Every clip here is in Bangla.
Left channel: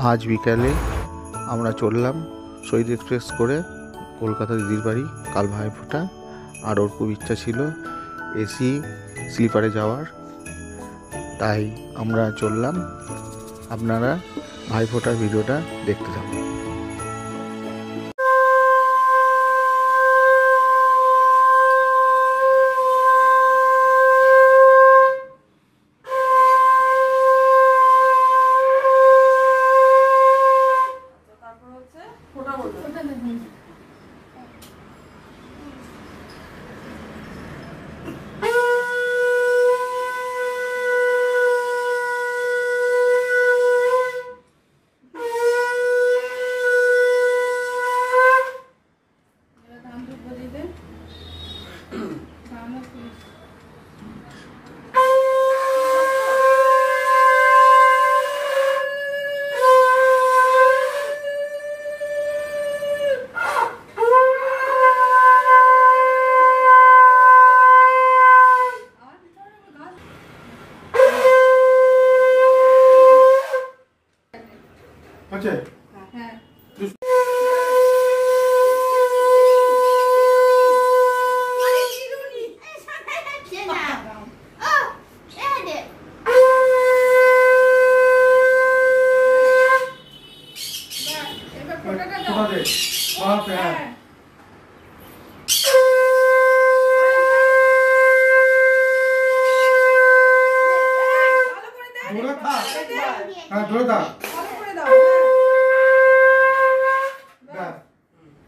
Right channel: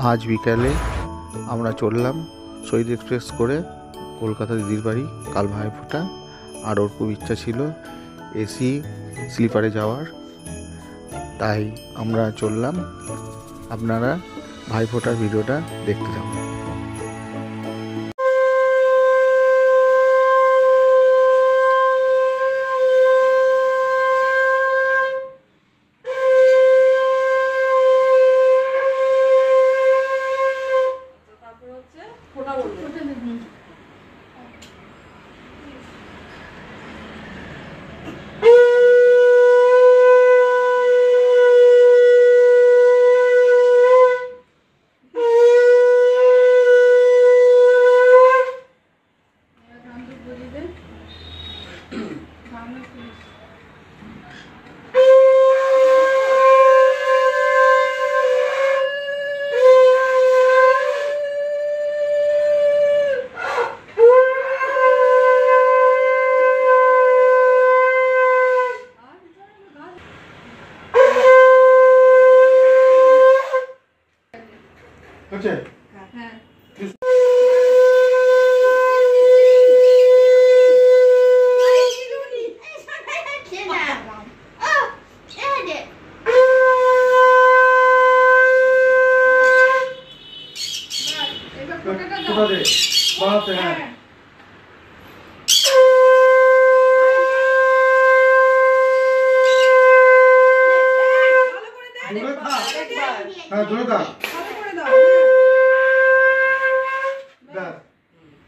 আজ বিকালে আমরা চললাম শহীদ এক্সপ্রেস করে কলকাতা দিদির বাড়ি। কাল ভাইফোঁটা, আর ওর খুব ইচ্ছা ছিল এসি স্লিপারে যাওয়ার, তাই আমরা চললাম। আপনারা ভাইফোঁটার ভিডিওটা দেখতে থাকুন।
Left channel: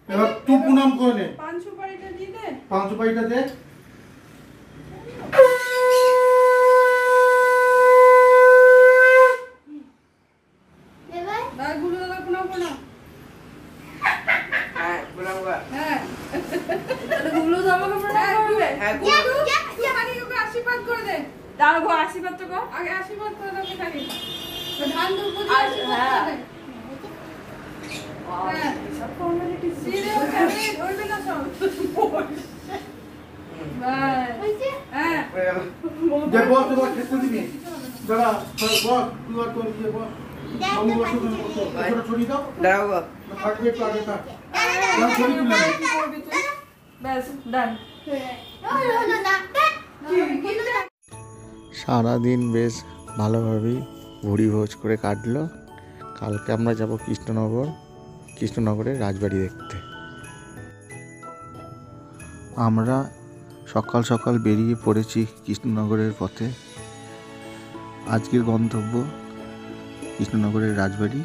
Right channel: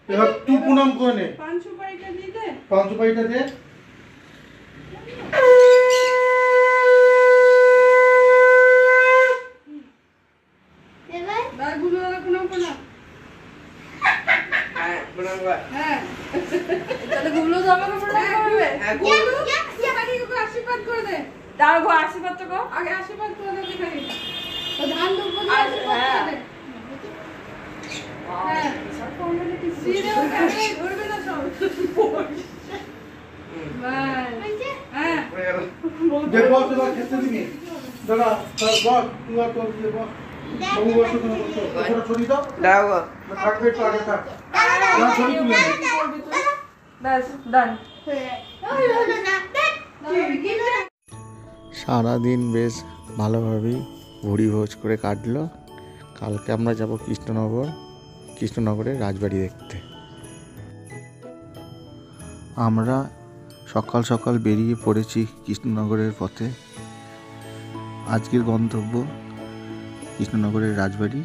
এবার তুই প্রণাম করে নে, পাঁচ সুপারিটা দে। আশীর্বাদ তো আগে আশীর্বাদ করে দেবে, ধান দুর্গ আশীর্বাদ সারাদিন বেশ ভালোভাবেই ভুড়ি ভোজ করে কাটলো। কালকে আমরা যাব কৃষ্ণনগরের রাজবাড়ি দেখতে। আমরা সকাল সকাল বেরিয়ে পড়েছি কৃষ্ণনগরের পথে। আজকের গন্তব্য কৃষ্ণনগরের রাজবাড়ি,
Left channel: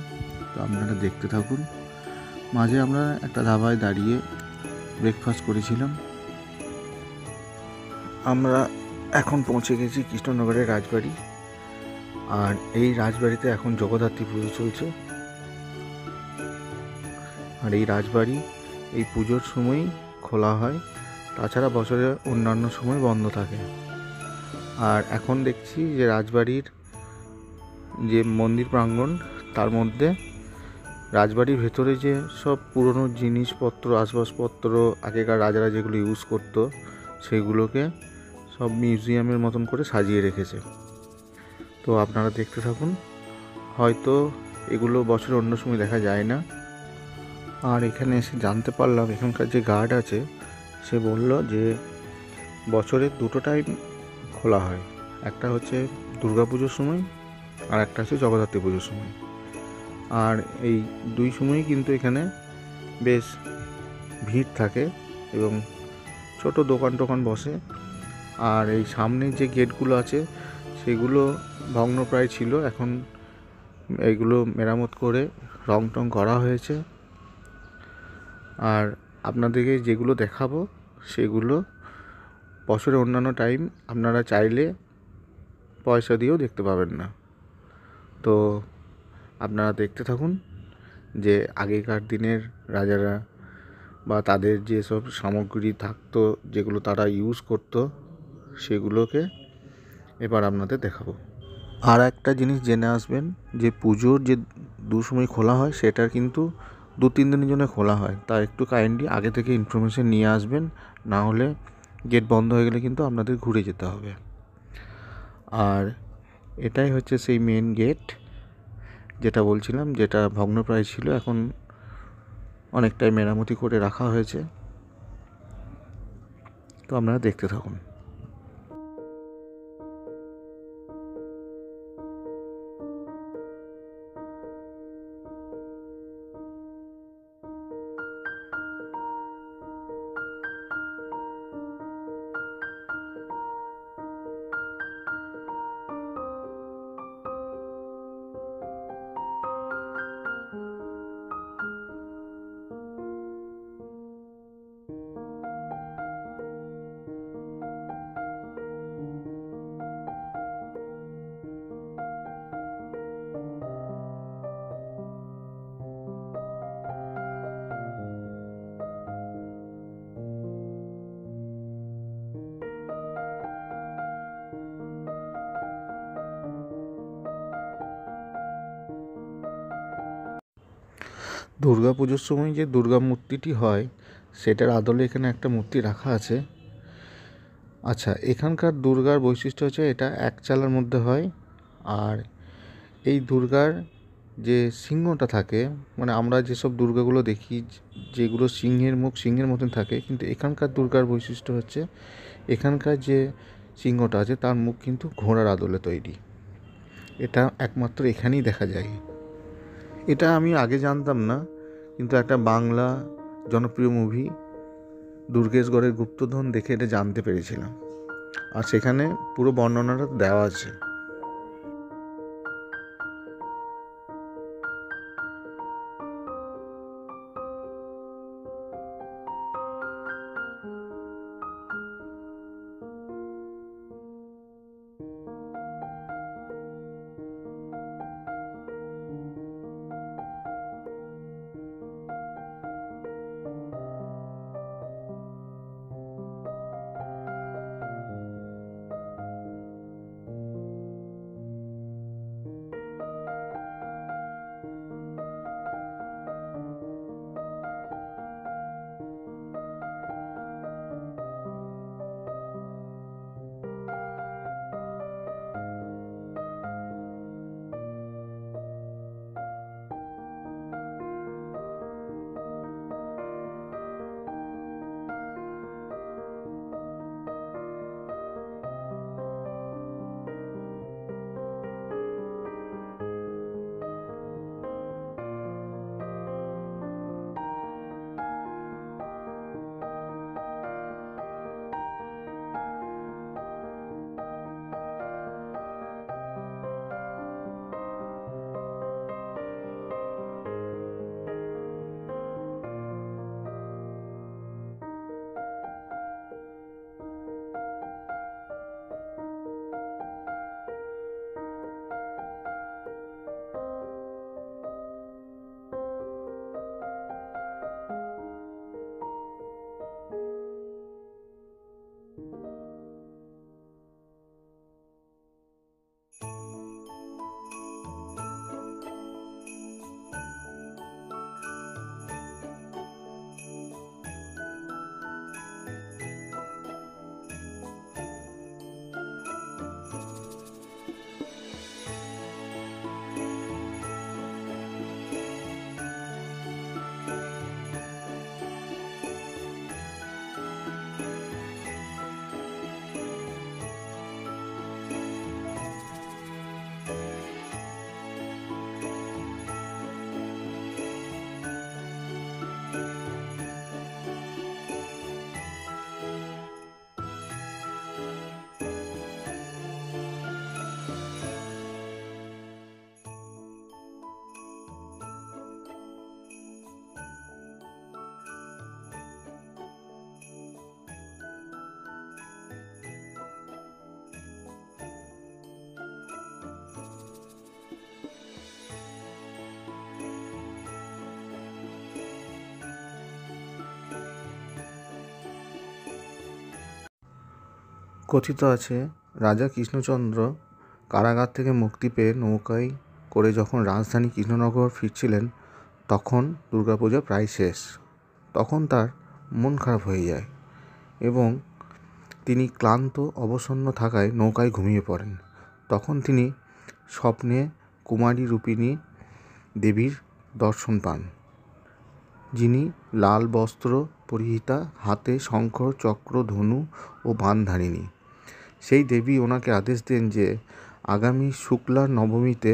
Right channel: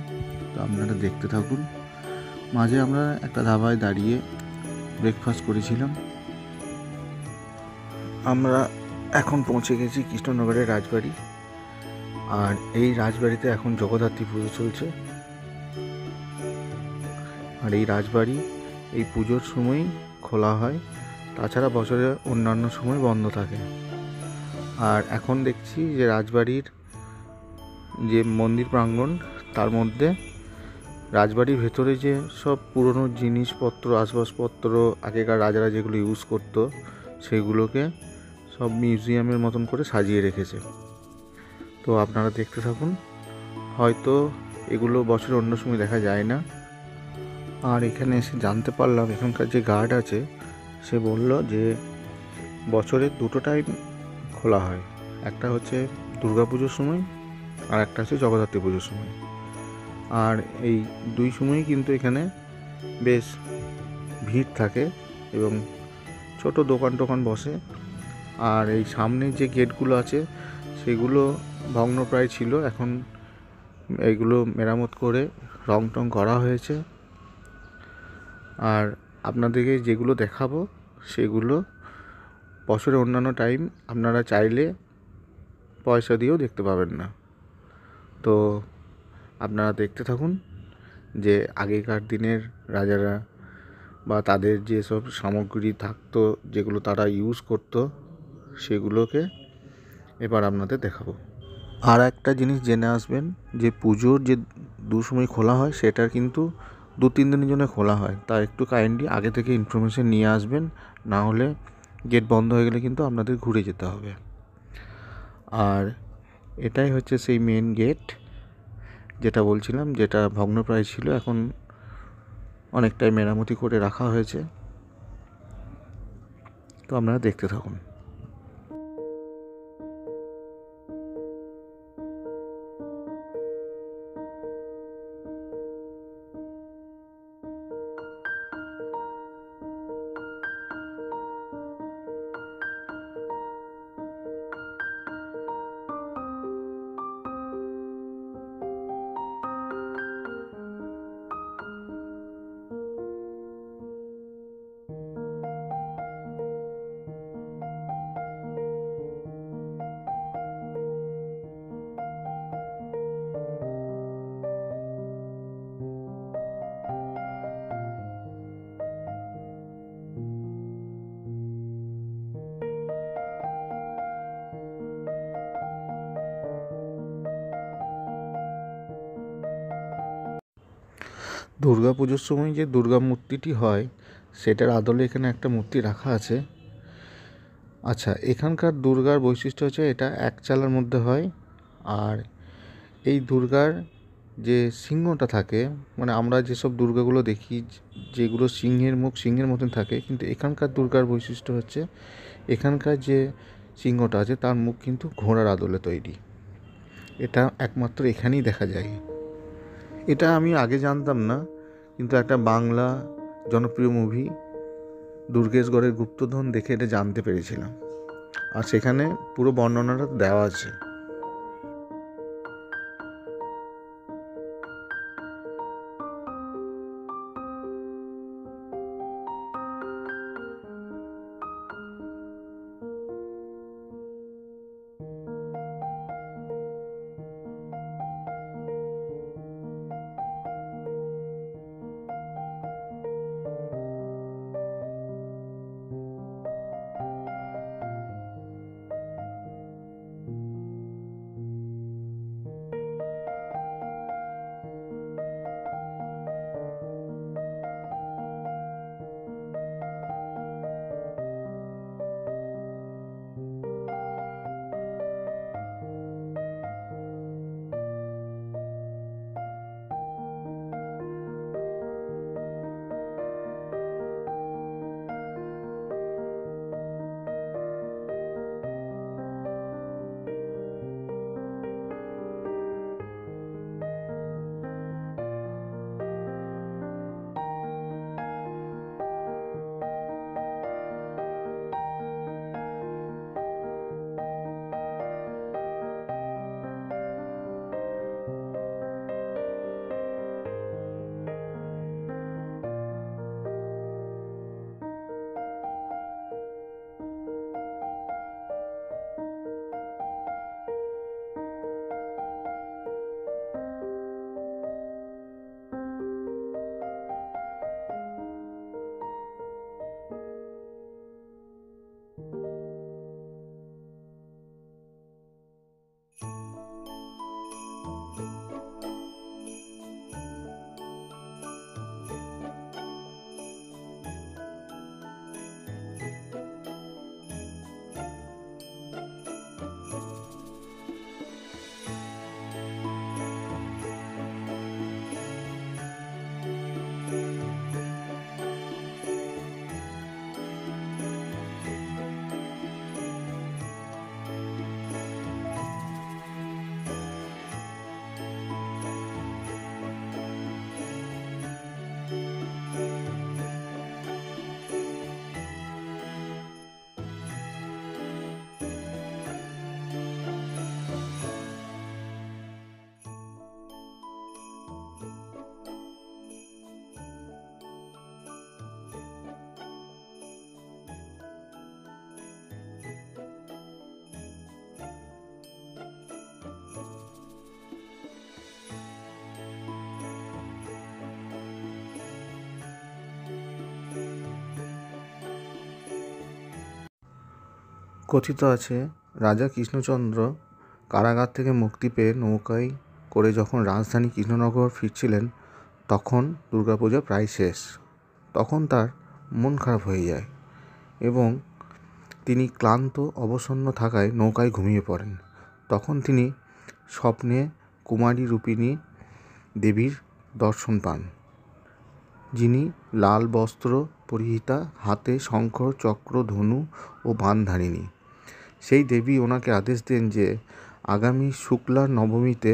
তো আপনারা দেখতে থাকুন। মাঝে আমরা একটা ধাবায় দাঁড়িয়ে ব্রেকফাস্ট করেছিলাম। আমরা এখন পৌঁছে গেছি কৃষ্ণনগরের রাজবাড়ি, আর এই রাজবাড়িতে এখন জগদ্ধাত্রী পুজো চলছে। আর এই রাজবাড়ি এই পুজোর সময়ই খোলা হয়, তাছাড়া বছরে অন্যান্য সময় বন্ধ থাকে। আর এখন দেখছি যে রাজবাড়ির যে মন্দির প্রাঙ্গণ, তার মধ্যে রাজবাড়ির ভেতরে যে সব পুরনো জিনিসপত্র, আসবাবপত্র, আগেকার রাজারা যেগুলো ইউজ করতো, সেগুলোকে সব মিউজিয়ামের মতন করে সাজিয়ে রেখেছে। তো আপনারা দেখতে থাকুন। হয়তো এগুলো বছরে অন্য সময় দেখা যায় না। আর এখানে এসে জানতে পারলাম, এখানকার যে গার্ড আছে সে বলল যে বছরে দুটো টাইম খোলা হয়, একটা হচ্ছে দুর্গা পুজোর সময় আর একটা হচ্ছে জগদ্ধাত্রী পুজোর সময়। আর এই দুই সময়ই কিন্তু এখানে বেশ ভিড় থাকে এবং ছোট দোকান টোকান বসে। আর এই সামনে যে গেটগুলো আছে সেগুলো ভগ্নপ্রায় ছিল, এখন এইগুলো মেরামত করে রং টং করা হয়েছে। আর আপনাদেরকে যেগুলো দেখাবো সেগুলো বছরে অন্যান্য টাইম আপনারা চাইলে পয়সা দিয়েও দেখতে পাবেন না। তো আপনারা দেখতে থাকুন যে আগেকার দিনের রাজারা বা তাদের যেসব সামগ্রী থাকতো, যেগুলো তারা ইউজ করতো, সেগুলোকে এবার আপনাদের দেখাবো। আর একটা জিনিস জেনে আসবেন যে পুজোর যে দুসময় খোলা হয় সেটার কিন্তু 2-3 দিনের জন্য খোলা হয়, তাই একটু কাইন্ডলি আগে থেকে ইনফরমেশন নিয়ে আসবেন, না হলে গেট বন্ধ হয়ে গেলে কিন্তু আপনাদের ঘুরে যেতে হবে। আর এটাই হচ্ছে সেই মেন গেট, যেটা বলছিলাম, যেটা ভগ্নপ্রায় ছিল, এখন অনেকটাই মেরামতি করে রাখা হয়েছে। তো আপনারা দেখতে থাকুন। দুর্গা পুজোর সময় যে দুর্গা মূর্তিটি হয়, সেটার আদলে এখানে একটা মূর্তি রাখা আছে। আচ্ছা, এখানকার দুর্গার বৈশিষ্ট্য হচ্ছে এটা এক চালার মধ্যে হয়। আর এই দুর্গার যে সিংহটা থাকে, মানে আমরা যেসব দুর্গাগুলো দেখি যেগুলো সিংহের মুখ সিংহের মতন থাকে, কিন্তু এখানকার দুর্গার বৈশিষ্ট্য হচ্ছে এখানকার যে সিংহটা আছে তার মুখ কিন্তু ঘোড়ার আদলে তৈরি। এটা একমাত্র এখানেই দেখা যায়। এটা আমি আগে জানতাম না, কিন্তু একটা বাংলা জনপ্রিয় মুভি দুর্গেশগড়ের গুপ্তধন দেখে এটা জানতে পেরেছিলাম। আর সেখানে পুরো বর্ণনাটা দেওয়া আছে। কথিত আছে রাজা কৃষ্ণচন্দ্র কারাগার থেকে মুক্তি পেয়ে নৌকায় করে যখন রাজধানী কৃষ্ণনগর ফিরছিলেন, তখন দুর্গাপূজা প্রায় শেষ। তখন তার মন খারাপ হয়ে যায় এবং তিনি ক্লান্ত অবসন্ন থাকায় নৌকায় ঘুমিয়ে পড়েন। তখন তিনি স্বপ্নে কুমারী রূপিণী দেবীর দর্শন পান, যিনি লাল বস্ত্র পরিহিতা, হাতে শঙ্খ চক্র ধনু ও বাণধারিণী। সেই দেবী ওনাকে আদেশ দেন যে আগামী শুক্লা নবমীতে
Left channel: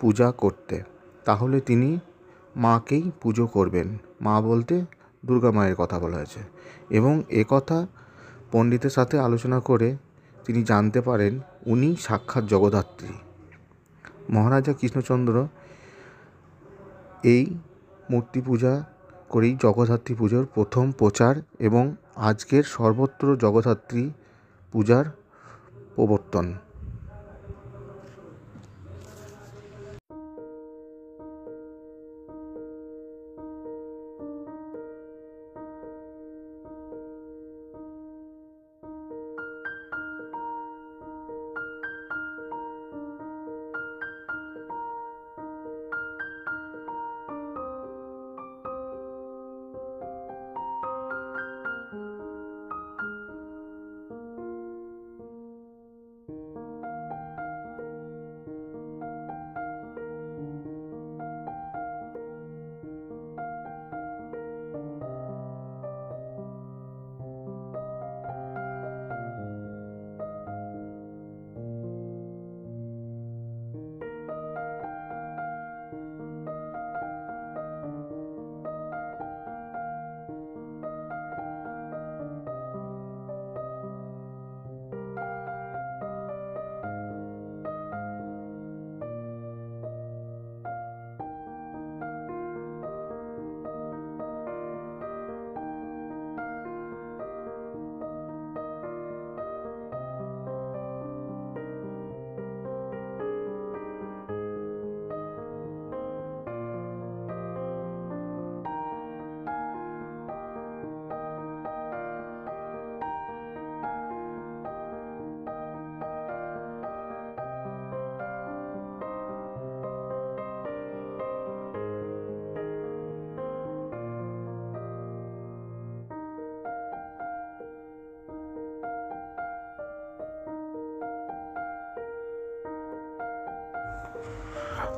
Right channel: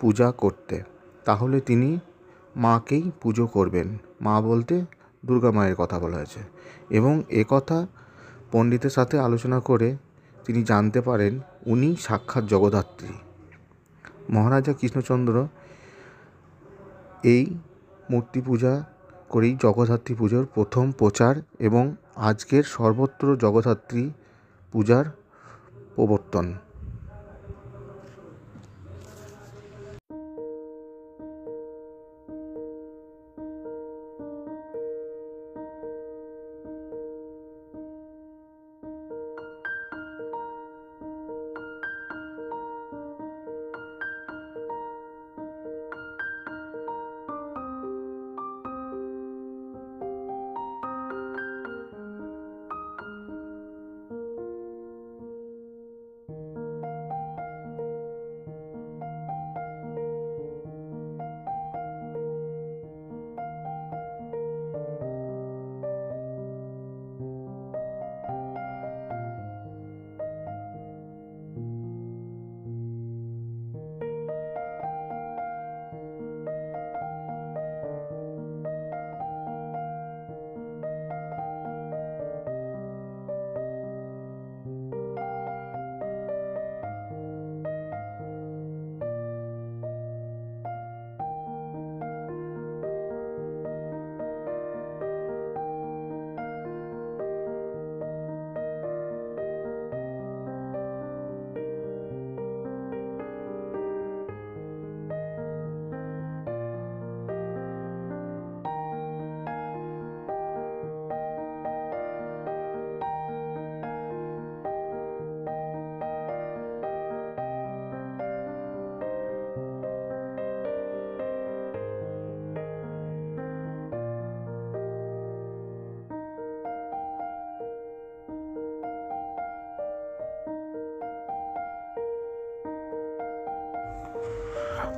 পূজা করতে, তাহলে তিনি মাকেই পুজো করবেন। মা বলতে দুর্গা মায়ের কথা বলা হয়েছে, এবং একথা পণ্ডিতের সাথে আলোচনা করে তিনি জানতে পারেন উনি সাক্ষাৎ জগদ্ধাত্রী। মহারাজা কৃষ্ণচন্দ্র এই মূর্তি পূজা করেই জগদ্ধাত্রী পুজোর প্রথম প্রচার এবং আজকের সর্বত্র জগদ্ধাত্রী পূজার প্রবর্তন।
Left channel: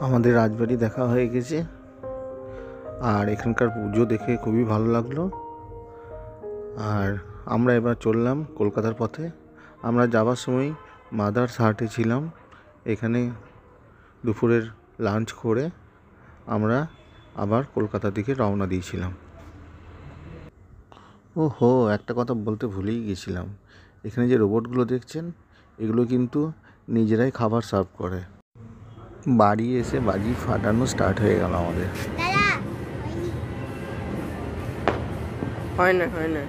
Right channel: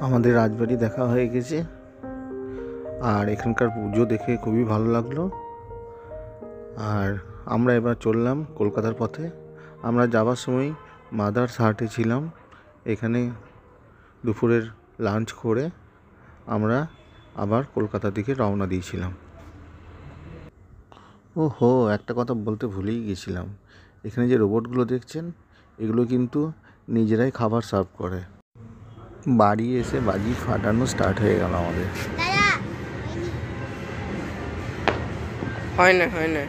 আমাদের রাজবাড়ি দেখা হয়ে গেছে, আর এখানকার পুজো দেখে খুবই ভালো লাগলো। আর আমরা এবার চললাম কলকাতার পথে। আমরা যাবার সময় মাদার্স হাটে ছিলাম, এখানে দুপুরের লাঞ্চ করে আমরা আবার কলকাতার দিকে রওনা দিয়েছিলাম। ওহো, একটা কথা বলতে ভুলেই গেছিলাম, এখানে যে রোবটগুলো দেখছেন এগুলো কিন্তু নিজেরাই খাবার সার্ভ করে। বাড়ি এসে বাজি ফাটানো স্টার্ট হয়ে গেল আমাদের। হয় না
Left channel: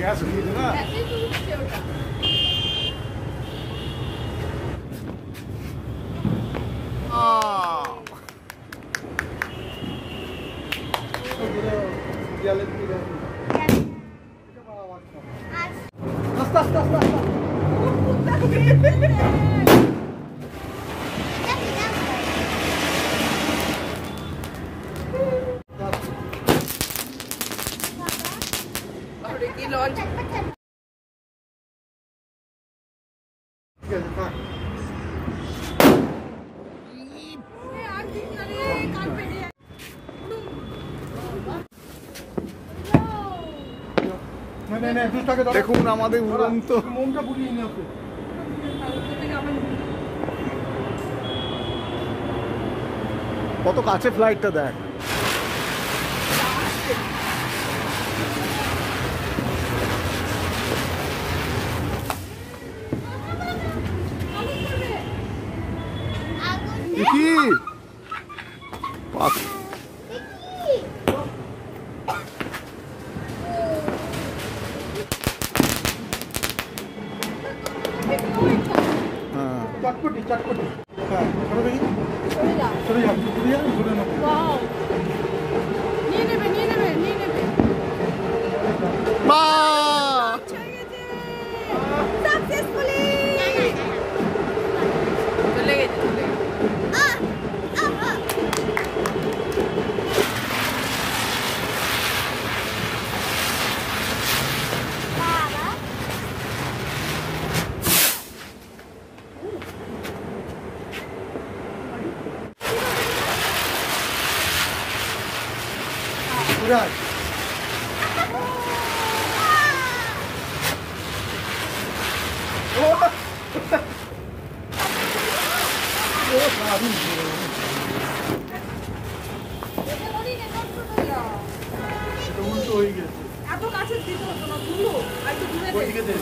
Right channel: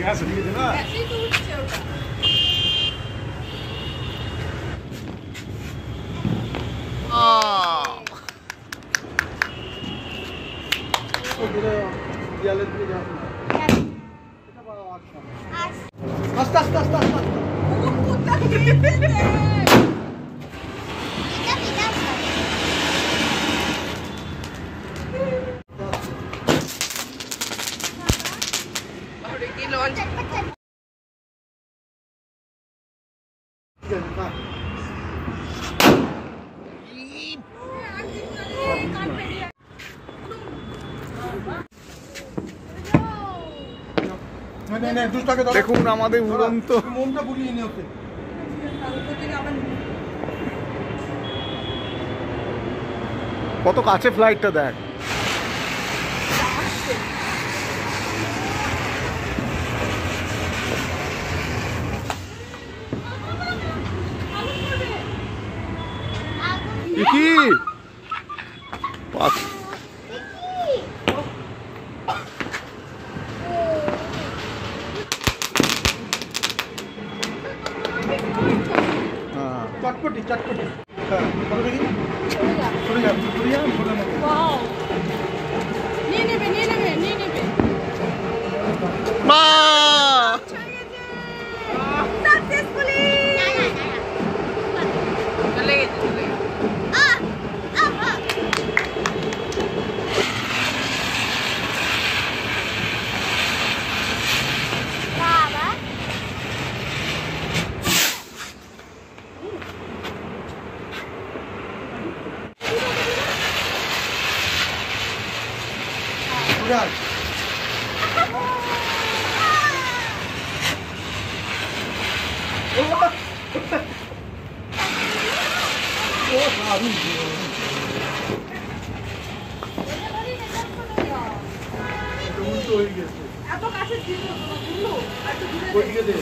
গ্যাস দিয়ে দে না। আস্তে আস্তে আস্তে আস্তে দেখুন আমাদের উড়ন্ত কত কাছে ফ্লাইটটা দেখ। কি চটপটি চটপটি সরে দেখি, সরে যা সরে যা সরে ওয়াও, নিয়ে নেবে উল্টো হয়ে গেছে। এত কাছে দিল তোমার গুলো আর কি ঘুরে ওইদিকে দে।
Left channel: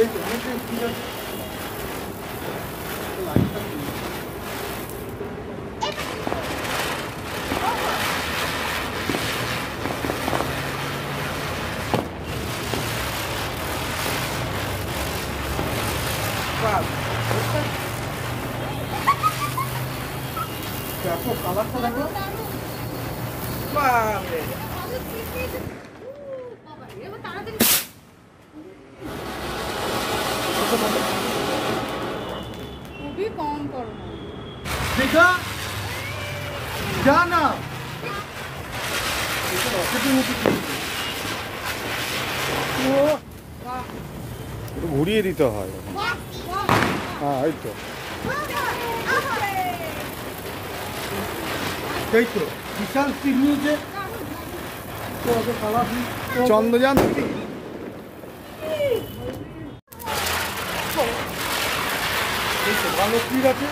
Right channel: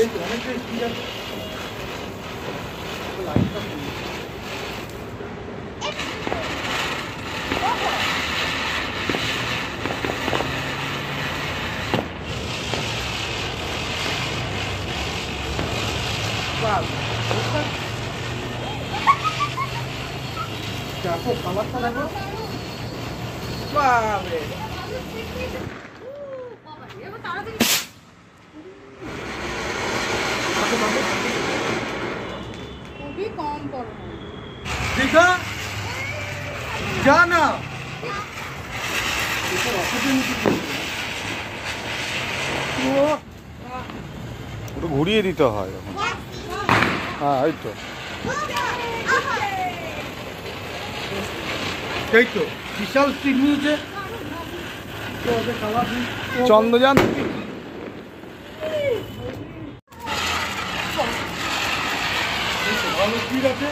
এই তো, অনেকটাই ঠিক আছে। লাইটটা কি? বাহ, দেখো কালারটা দেখো। বাবা খুবই কম পড়ো দেখা যা না একটু ঘুরিয়ে দিতে হয় এখন। হ্যাঁ এই তো এই তো বিশাল স্পিড নিয়েছে। চন্দ্রযান ভালো স্পিড আছে।